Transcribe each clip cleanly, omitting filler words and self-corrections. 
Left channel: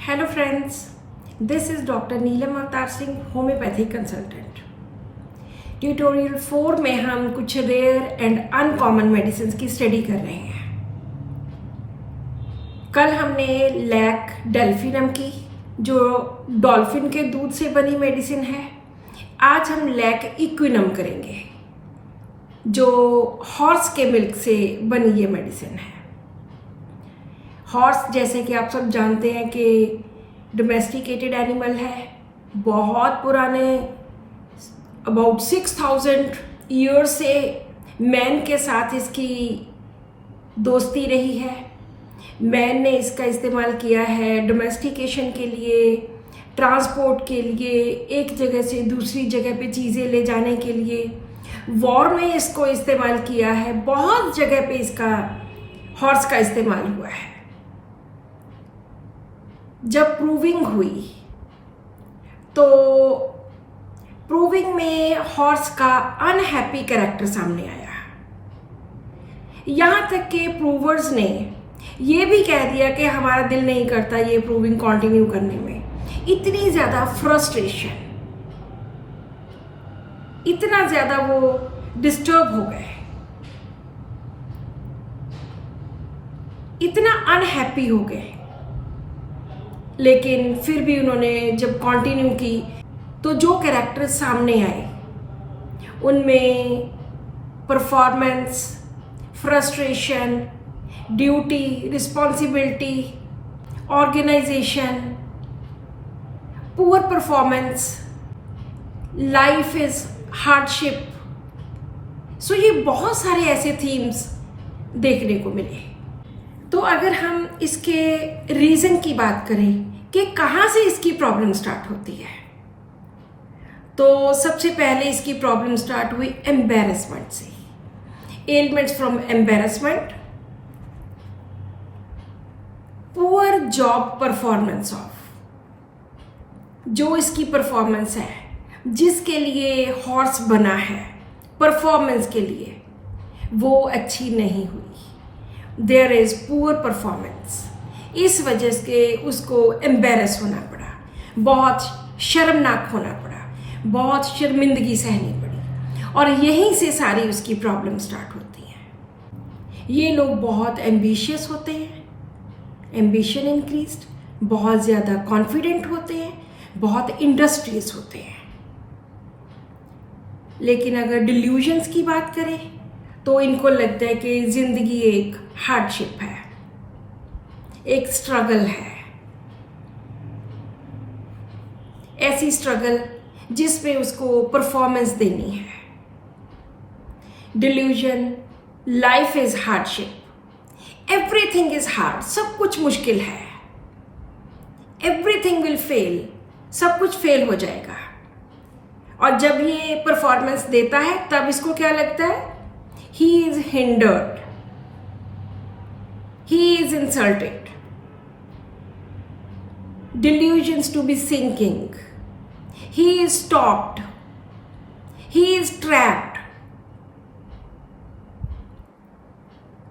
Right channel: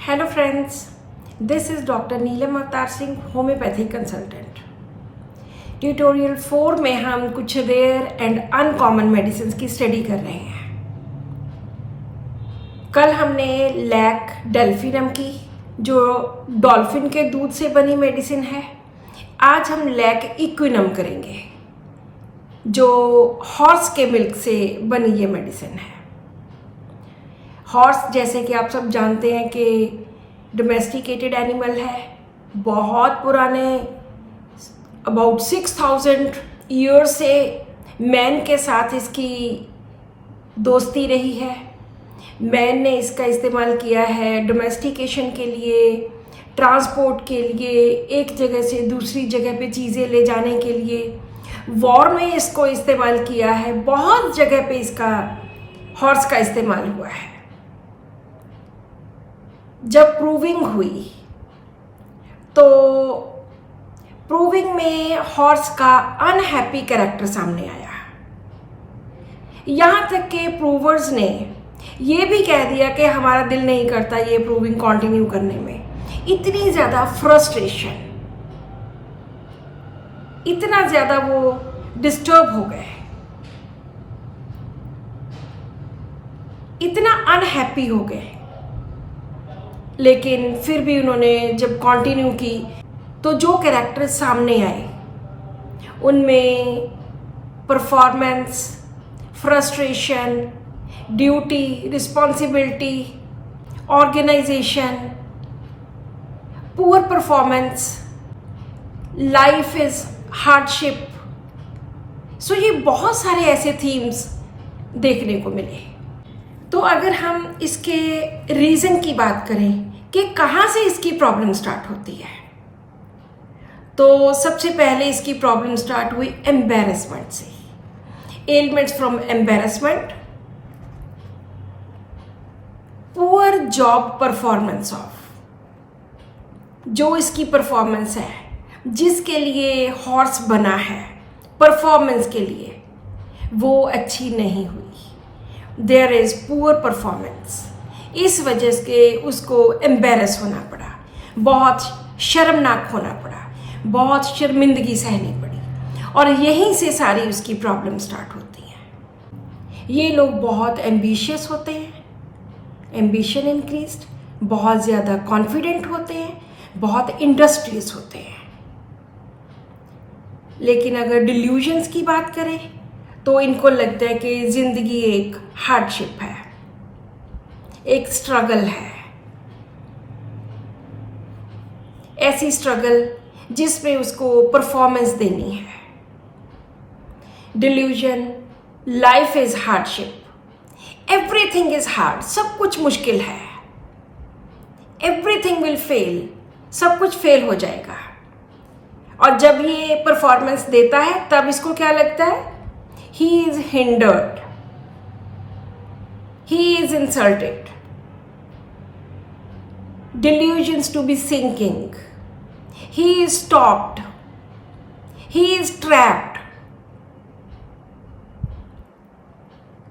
Hello friends, this is doctor Neelam Avtar Singh, homeopathy consultant. Tutorial 4 में हम कुछ रेयर एंड अनकॉमन मेडिसिन की स्टडी कर रहे हैं। कल हमने लैक डेल्फिनम की, जो डॉल्फिन के दूध से बनी मेडिसिन है। आज हम लैक इक्विनम करेंगे, जो हॉर्स के मिल्क से बनी ये मेडिसिन है। हॉर्स, जैसे कि आप सब जानते हैं कि डोमेस्टिकेटेड एनिमल है, बहुत पुराने अबाउट 6000 ईयर से मैन के साथ इसकी दोस्ती रही है। मैन ने इसका इस्तेमाल किया है डोमेस्टिकेशन के लिए, ट्रांसपोर्ट के लिए, एक जगह से दूसरी जगह पे चीज़ें ले जाने के लिए, वॉर में इसको इस्तेमाल किया है। बहुत जगह पे इसका हॉर्स का इस्तेमाल हुआ है। जब प्रूविंग हुई तो प्रूविंग में हॉर्स का अनहैप्पी कैरेक्टर सामने आया। यहाँ तक कि प्रूवर्स ने ये भी कह दिया कि हमारा दिल नहीं करता ये प्रूविंग कंटिन्यू करने में। इतनी ज़्यादा फ्रस्ट्रेशन, इतना ज़्यादा वो डिस्टर्ब हो गए, इतना अनहैप्पी हो गए। लेकिन फिर भी उन्होंने जब कंटिन्यू की तो जो कैरेक्टर सामने आए उनमें performance, frustration, duty, responsibility, organisation, poor performance, life is hardship. So ये बहुत सारे ऐसे थीम्स देखने को मिले। तो अगर हम इसके रीज़न की बात करें कि कहाँ से इसकी प्रॉब्लम स्टार्ट होती है, तो सबसे पहले इसकी प्रॉब्लम स्टार्ट हुई एम्बैरेसमेंट से। Elements from embarrassment, poor job performance of, जो इसकी परफॉर्मेंस है, जिसके लिए हॉर्स बना है परफॉर्मेंस के लिए, वो अच्छी नहीं हुई। There is poor performance. इस वजह से उसको एम्बेरस होना पड़ा, बहुत शर्मनाक होना पड़ा, बहुत शर्मिंदगी सहनी पड़ी, और यहीं से सारी उसकी प्रॉब्लम स्टार्ट होती है। ये लोग बहुत एम्बिशियस होते हैं, एम्बिशन इंक्रीज्ड, बहुत ज़्यादा कॉन्फिडेंट होते हैं, बहुत इंडस्ट्रियस होते हैं। लेकिन अगर डिल्यूजन्स की बात करें तो इनको लगता है कि ज़िंदगी एक हार्डशिप है, एक स्ट्रगल है, ऐसी स्ट्रगल जिसमें उसको परफॉर्मेंस देनी है। Delusion, life is hardship, everything is hard, सब कुछ मुश्किल है, एवरीथिंग विल फेल, सब कुछ फेल हो जाएगा। और जब ये परफॉर्मेंस देता है तब इसको क्या लगता है? He is hindered, he is insulted, delusions to be sinking, he is stopped, he is trapped.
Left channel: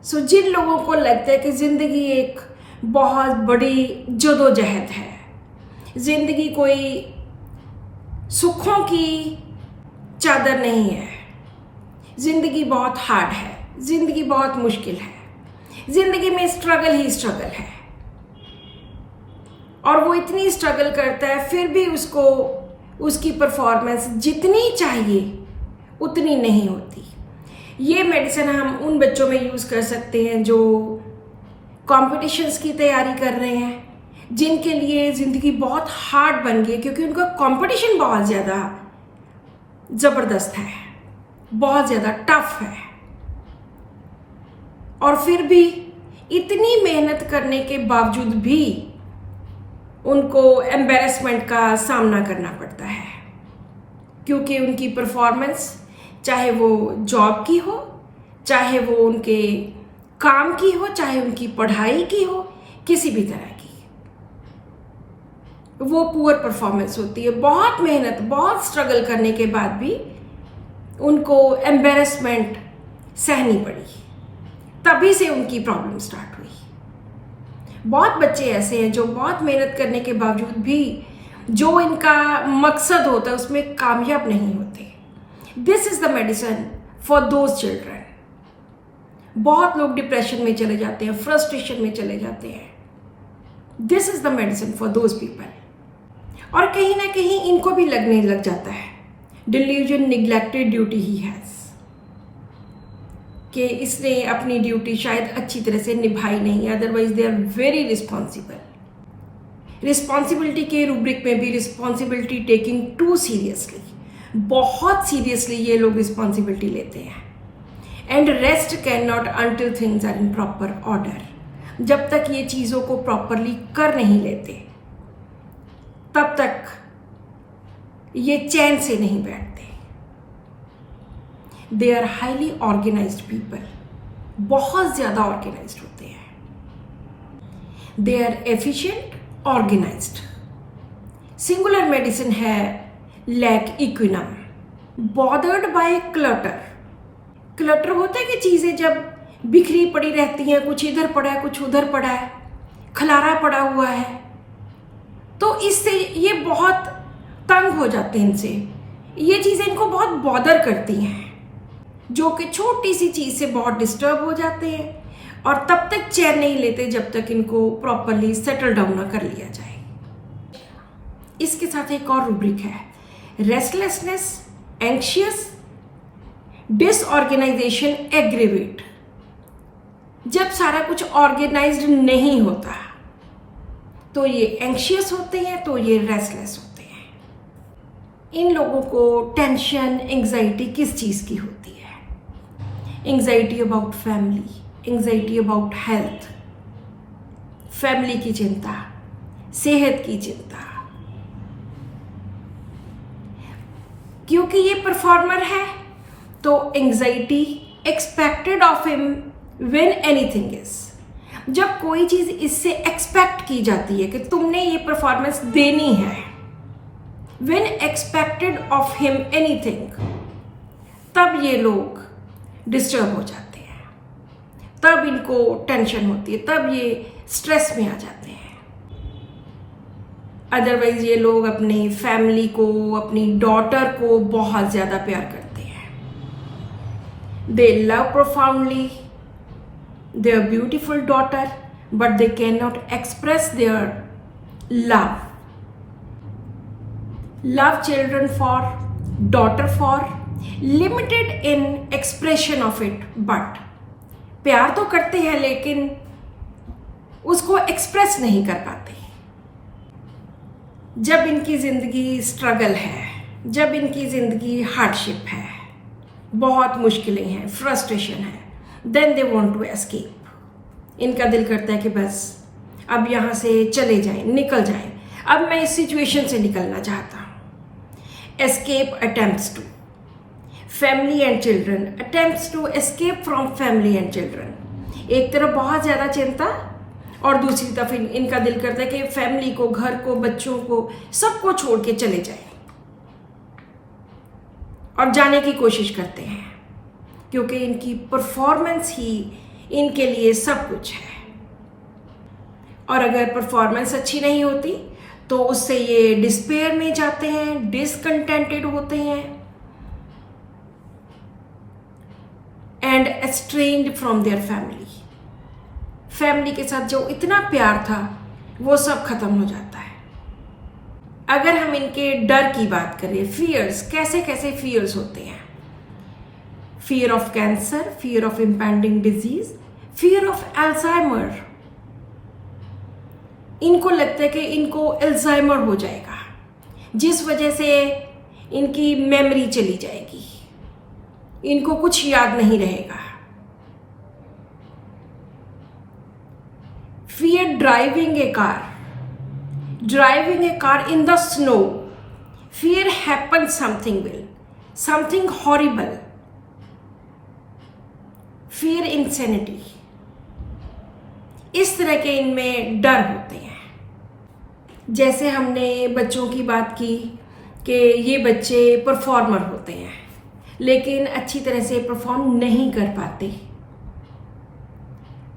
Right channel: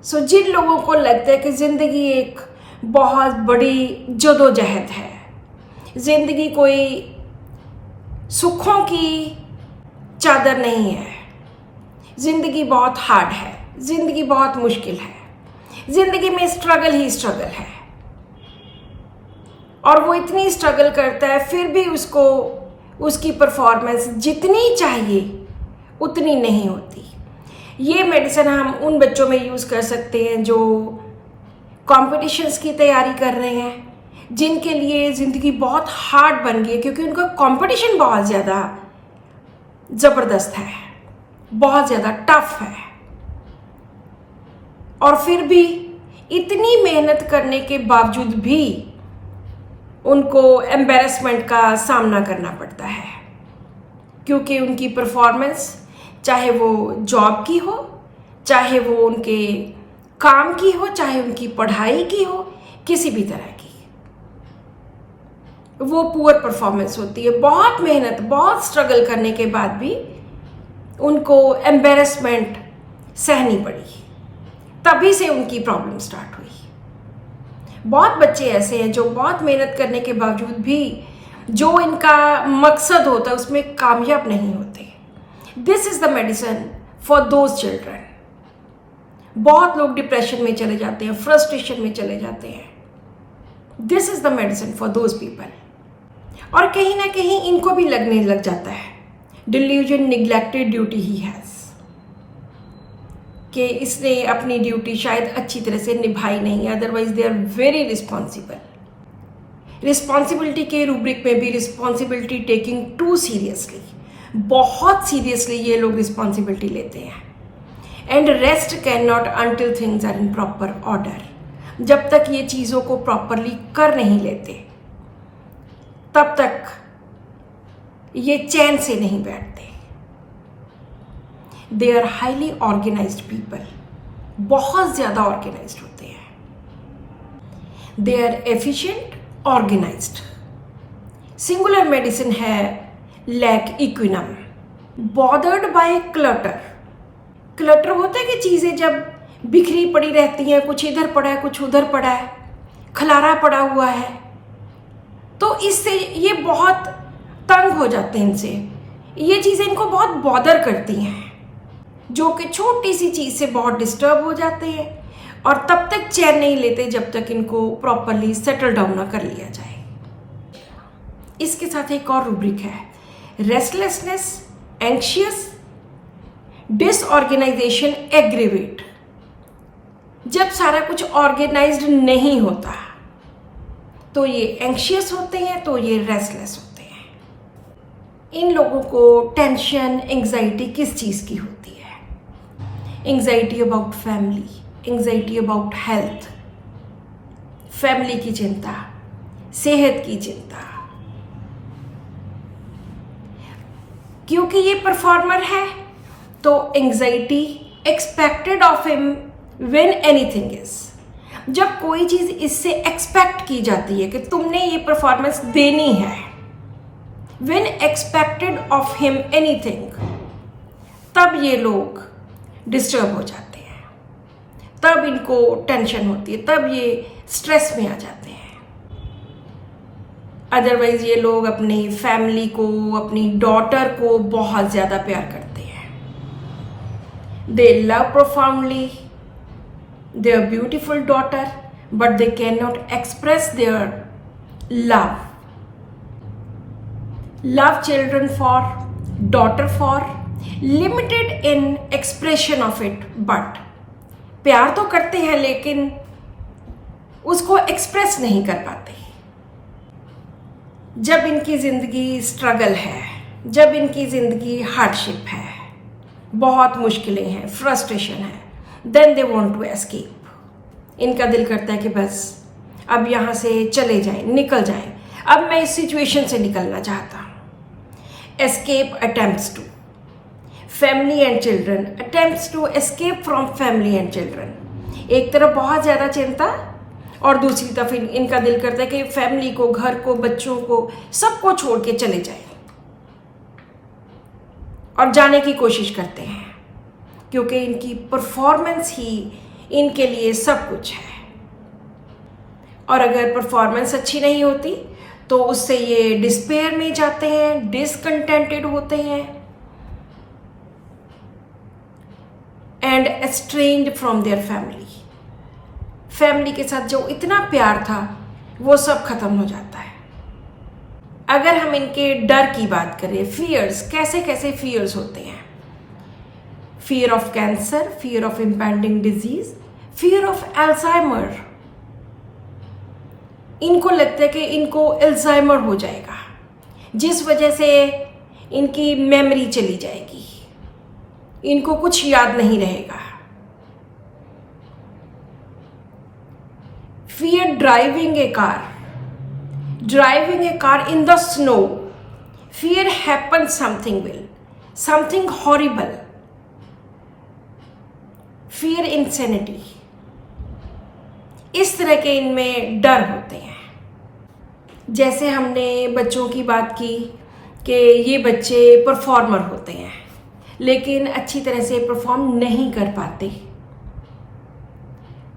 So जिन लोगों को लगता है कि जिंदगी एक बहुत बड़ी जदोजहद है, जिंदगी कोई सुखों की चादर नहीं है, जिंदगी बहुत हार्ड है, जिंदगी बहुत मुश्किल है, जिंदगी में स्ट्रगल ही स्ट्रगल है, और वो इतनी स्ट्रगल करता है फिर भी उसको उसकी परफॉर्मेंस जितनी चाहिए उतनी नहीं होती। ये मेडिसिन हम उन बच्चों में यूज़ कर सकते हैं जो कॉम्पिटिशन्स की तैयारी कर रहे हैं, जिनके लिए ज़िंदगी बहुत हार्ड बन गई क्योंकि उनका कंपटीशन बहुत ज़्यादा ज़बरदस्त है, बहुत ज़्यादा टफ है, और फिर भी इतनी मेहनत करने के बावजूद भी उनको एम्बैरेसमेंट का सामना करना पड़ता है, क्योंकि उनकी परफॉर्मेंस, चाहे वो जॉब की हो, चाहे वो उनके काम की हो, चाहे उनकी पढ़ाई की हो, किसी भी तरह की, वो पुअर परफॉर्मेंस होती है। बहुत मेहनत, बहुत स्ट्रगल करने के बाद भी उनको एम्बेरसमेंट सहनी पड़ी, तभी से उनकी प्रॉब्लम स्टार्ट हुई। बहुत बच्चे ऐसे हैं जो बहुत मेहनत करने के बावजूद भी जो इनका मकसद होता है उसमें कामयाब नहीं होते। This is the medicine for those children. बहुत लोग डिप्रेशन में चले जाते हैं, फ्रस्ट्रेशन में चले जाते हैं। This is the medicine for those people. और कहीं ना कहीं इनको भी लगने लग जाता है delusion, neglected duty he has, कि इसने अपनी ड्यूटी शायद अच्छी तरह से निभाई नहीं, otherwise they are very responsible. Responsibility के रूब्रिक में भी रिस्पॉन्सिबिलिटी टेकिंग टू सीरियसली, बहुत सीरियसली ये लोग रिस्पॉन्सिबिलिटी लेते हैं। And rest can not until things are in proper order. जब तक ये चीज़ों को प्रॉपरली कर नहीं लेते तब तक ये चैन से नहीं बैठते। They are highly organised people, बहुत ज़्यादा ऑर्गेनाइज्ड होते हैं। They are efficient, organised. Singular medicine है Lac equinum. Bothered by clutter. Clutter होता है कि चीज़ें जब बिखरी पड़ी रहती हैं, कुछ इधर पड़ा है, कुछ उधर पड़ा है, खलारा पड़ा हुआ है, तो इससे ये बहुत तंग हो जाते हैं। इनसे ये चीज़ें इनको बहुत बॉदर करती हैं, जो कि छोटी सी चीज़ से बहुत डिस्टर्ब हो जाते हैं और तब तक चैन नहीं लेते जब तक इनको प्रॉपरली सेटल डाउन ना कर लिया जाए। इसके साथ एक और रूब्रिक है रेस्टलेसनेस, एंग्शियस, डिसऑर्गेनाइजेशन, एग्रीवेट। जब सारा कुछ ऑर्गेनाइज्ड नहीं होता तो ये एंग्शियस होते हैं, तो ये रेस्टलेस होते हैं। इन लोगों को टेंशन, एंग्जाइटी किस चीज़ की होती है? Anxiety about family, anxiety about health, family की चिंता, सेहत की चिंता। क्योंकि ये परफॉर्मर है तो anxiety expected of him when anything is. जब कोई चीज इससे एक्सपेक्ट की जाती है कि तुमने ये परफॉर्मेंस देनी है, when expected of him anything, तब ये लोग डिस्टर्ब हो जाते हैं, तब इनको टेंशन होती है, तब ये स्ट्रेस में आ जाते हैं। अदरवाइज ये लोग अपनी फैमिली को, अपनी डॉटर को बहुत ज़्यादा प्यार करते हैं। दे love profoundly their beautiful daughter, but they cannot express their love. Love children for, daughter for, limited in expression of it, but प्यार तो करते हैं लेकिन उसको एक्सप्रेस नहीं कर पाते। जब इनकी ज़िंदगी स्ट्रगल है, जब इनकी ज़िंदगी हार्डशिप है, बहुत मुश्किलें हैं, फ्रस्ट्रेशन है, then they want to escape. इनका दिल करता है कि बस अब यहाँ से चले जाएं, निकल जाएं, अब मैं इस सिचुएशन से निकलना चाहता हूँ। Escape attempts to family and children, attempts to escape from family and children. एक तरफ बहुत ज़्यादा चिंता और दूसरी तरफ इनका दिल करता है कि फैमिली को, घर को, बच्चों को, सबको छोड़ के चले जाएं और जाने की कोशिश करते हैं, क्योंकि इनकी परफॉर्मेंस ही इनके लिए सब कुछ है। और अगर परफॉर्मेंस अच्छी नहीं होती तो उससे ये डिस्पेयर में जाते हैं, डिसकंटेंटेड होते हैं and estranged from their family. Family के साथ जो इतना प्यार था वो सब खत्म हो जाता है। अगर हम इनके डर की बात करें, फियर्स, कैसे कैसे फियर्स होते हैं? fear of cancer, fear of impending disease, fear of Alzheimer. इनको लगता है कि इनको अल्जाइमर हो जाएगा, जिस वजह से इनकी मेमोरी चली जाएगी, इनको कुछ याद नहीं रहेगा। Fear driving a car, driving a car in the snow. Fear happens something will, something horrible. Fear insanity, इस तरह के इनमें डर होते हैं। जैसे हमने बच्चों की बात की कि ये बच्चे परफॉर्मर होते हैं, लेकिन अच्छी तरह से परफॉर्म नहीं कर पाते,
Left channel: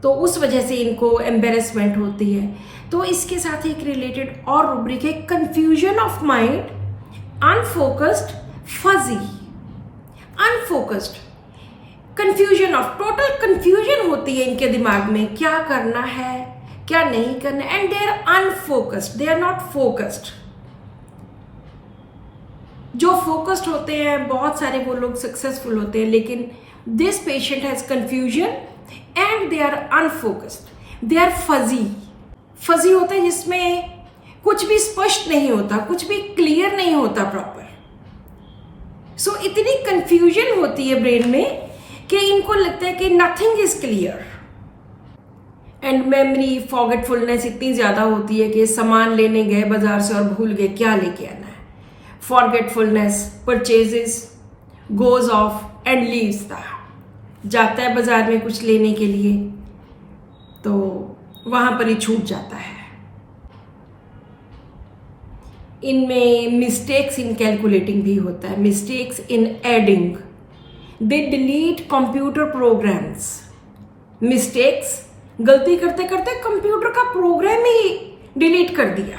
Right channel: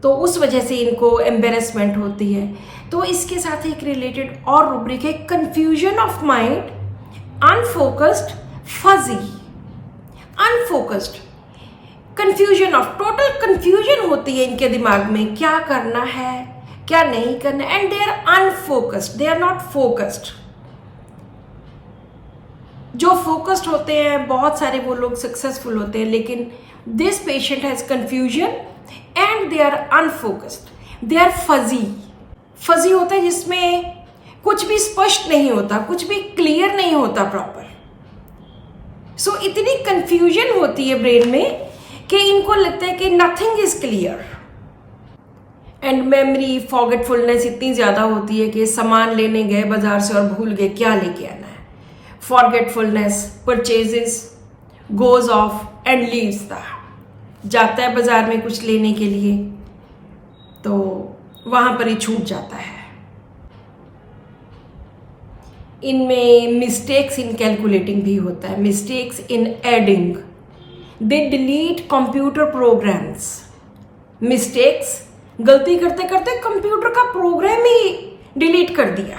तो उस वजह से इनको एम्बेरसमेंट होती है। तो इसके साथ एक रिलेटेड और रूब्रिक है, confusion of mind, unfocused, fuzzy. Unfocused, confusion of, total confusion होती है इनके दिमाग में, क्या करना है क्या नहीं करना, and they are unfocused, they are not focused. जो फोकस्ड होते हैं बहुत सारे वो लोग सक्सेसफुल होते हैं, लेकिन this patient has confusion and they are unfocused, they are fuzzy. Fuzzy होता है जिसमें कुछ भी स्पष्ट नहीं होता, कुछ भी क्लियर नहीं होता प्रॉपर। सो इतनी कंफ्यूजन होती है ब्रेन में कि इनको लगता है कि nothing is clear. And memory forgetfulness इतनी ज्यादा होती है कि सामान लेने गए बाजार से और भूल गए क्या लेके आना है। Forgetfulness, purchases, goes off and leaves the, जाता है बाजार में कुछ लेने के लिए तो वहां पर ही छूट जाता है। इनमें मिस्टेक्स इन कैलकुलेटिंग भी होता है, mistakes in adding, they delete computer programs. Mistakes, गलती करते करते कंप्यूटर का प्रोग्राम ही डिलीट कर दिया।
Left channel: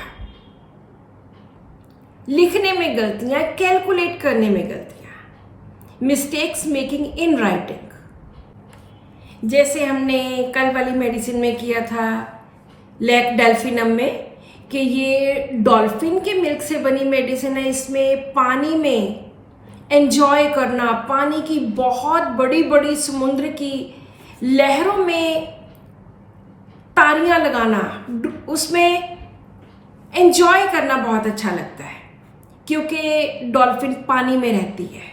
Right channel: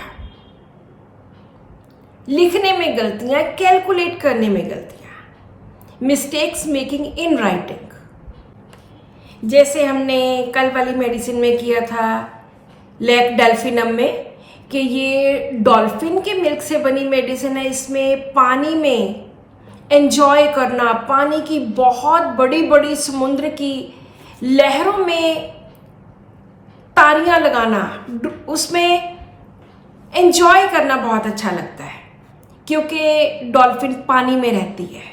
लिखने में गलतियां, कैलकुलेट करने में गलतियां। मिस्टेक्स मेकिंग इन राइटिंग, जैसे हमने कल वाली मेडिसिन में किया था लैक डेल्फिनम में, कि ये डॉल्फिन के मिल्क से बनी मेडिसिन है। इसमें पानी में एंजॉय करना, पानी की बहुत बड़ी बड़ी समुद्र की लहरों में तारियां लगाना, उसमें एंजॉय करना बहुत अच्छा लगता है, क्योंकि डॉल्फिन पानी में रहती है,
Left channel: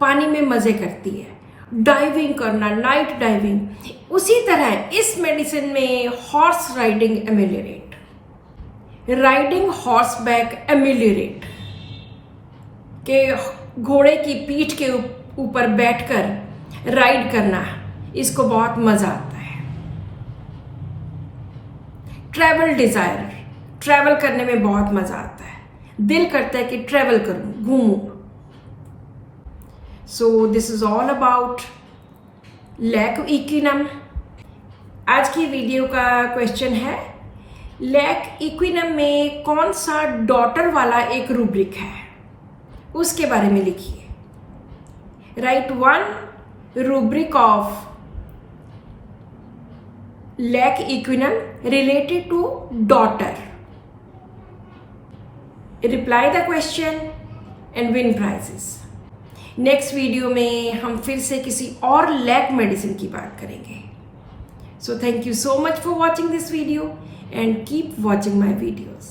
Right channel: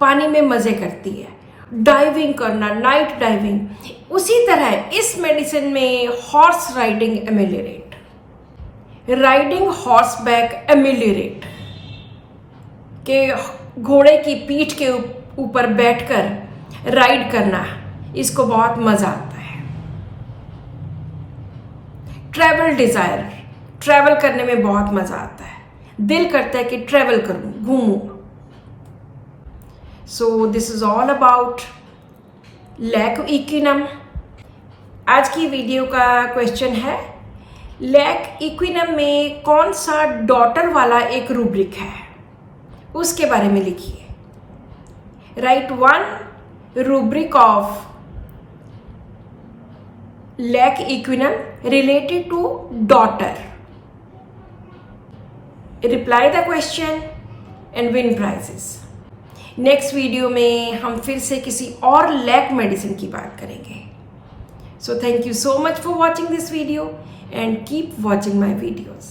पानी में मजे करती है। डाइविंग करना, नाइट डाइविंग। उसी तरह इस मेडिसिन में horse riding ameliorate, riding horse back ameliorate, के घोड़े की पीठ के ऊपर बैठकर राइड करना, इसको बहुत मजा आता है। ट्रैवल डिजायर, ट्रैवल करने में बहुत मजा आता है, दिल करता है कि ट्रैवल करूं, घूमूं। So this is all about Lac equinum. आज की वीडियो का क्वेश्चन है, लैक इक्विनम में कौन सा डॉटर वाला एक रूब्रिक है, उसके बारे में लिखिए। Write one rubric of Lac equinum related to daughter. Reply the question and win prizes. Next video में हम फिर से किसी और लैक मेडिसिन की बात करेंगे। So thank you so much for watching this video and keep watching my videos.